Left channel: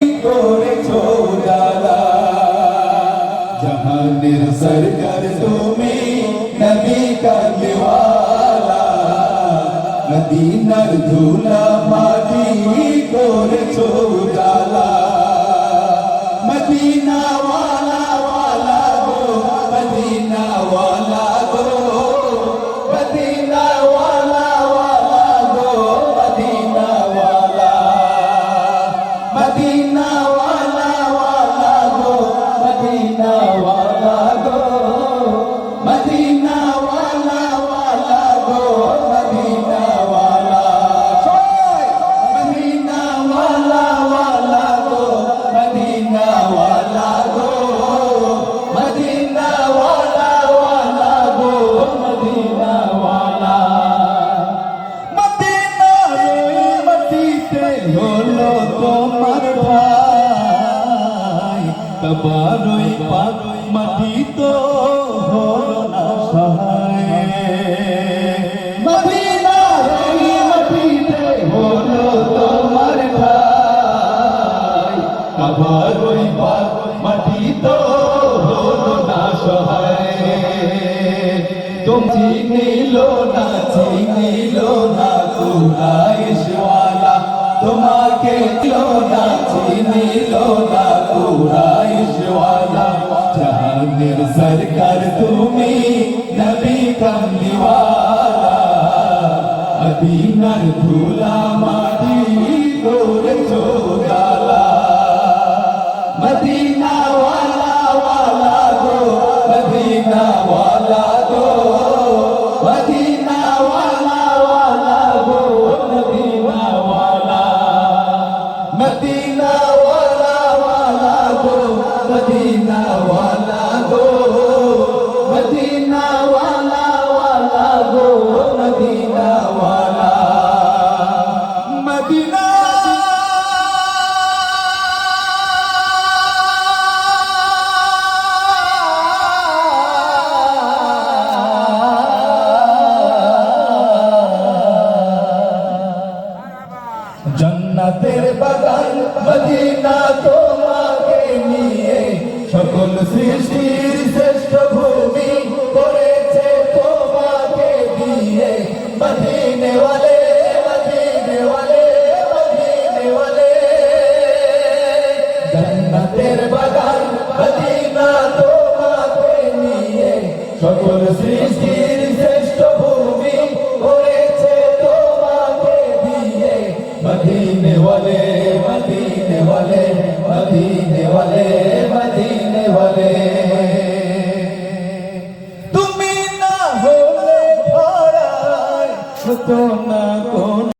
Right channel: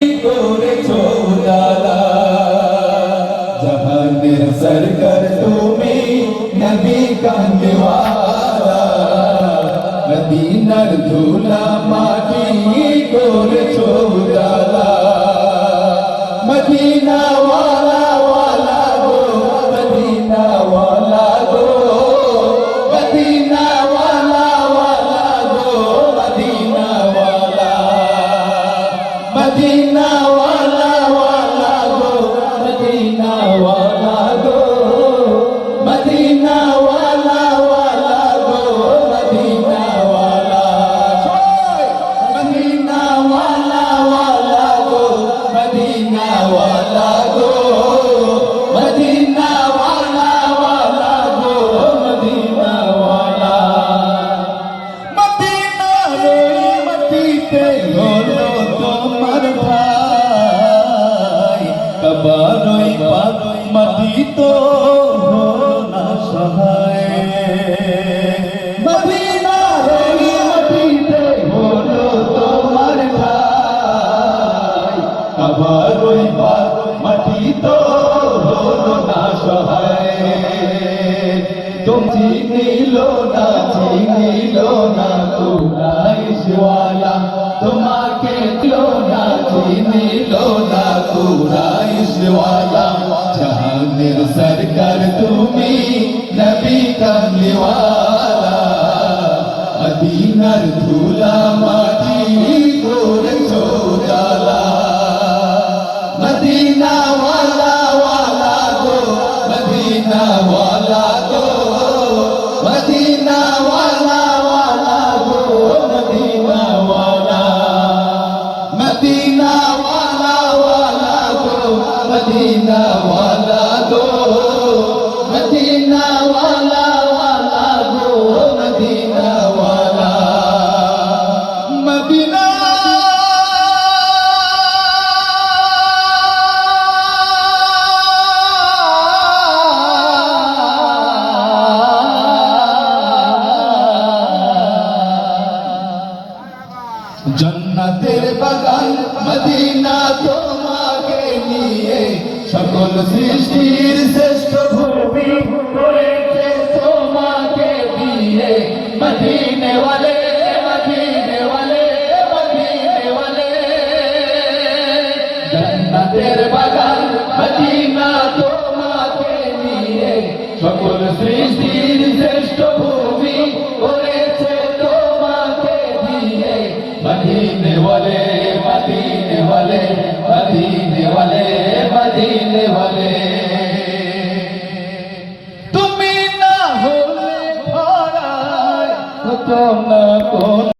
করেছো উজালা জাহানের সরকার তুমি নবী কামলিওয়ালা মদিনার ধুলা মাটি করেছো উজালা মদিনা ওয়ালা ওয়ালা গো মদিনা ওয়ালা গো মদিনা ওয়ালা ওয়ালা গো মদিনা ওয়ালা মদিনা ওয়ালা ওয়ালা গো মদিনা ওয়ালা গো মদিনা ওয়ালা ওয়ালা গো মদিনা ওয়ালা মদিনা ওয়ালা ওয়ালা গো মদিনা ওয়ালা গো মদিনা ওয়ালা ওয়ালা গো মদিনা ওয়ালা মদিনা ওই মাটিতে হলো তোমার ঠাই কাবার ওই মাটি তো হলো না সহায় মদিনা ওই মাটিতে হলো তোমার ঠাই কাবার ওই মাটি তো হলো না সহায় তুমি চিনিল না কুরাইশওয়ালা তোমাকে চিনিল না কুরাইশওয়ালা জাহানের সরকার তুমি নবী কামলিওয়ালা মদিনার ধুলা মাটি করেছো উজালা মদিনা ওয়ালা ওয়ালা গো মদিনা ওয়ালা গো মদিনা ওয়ালা ওয়ালা গো মদিনা ওয়ালা মদিনা ওয়ালা ওয়ালা গো মদিনা ওয়ালা গো মদিনা ওয়ালা ওয়ালা গো মদিনা ওয়ালা মদিনা জন্নতের বাগান মদিনা তোমাকে নিয়ে সকল সৃষ্টির শ্রেষ্ঠ ভূমি করেছে তোমাকে দিয়ে মদিনে ওয়ালে মদিনে ওয়ালে মদিনে ওয়ালে জন্নতের বাগান মদিনা তোমাকে নিয়ে সকল সৃষ্টির শ্রেষ্ঠ ভূমি করেছে তোমাকে দিয়ে মদিনে ওয়ালে মদিনে ওয়ালে মদিনে ওয়ালে মদিনে ওয়ালে তুমি না হলে ভরায় হতো না কোন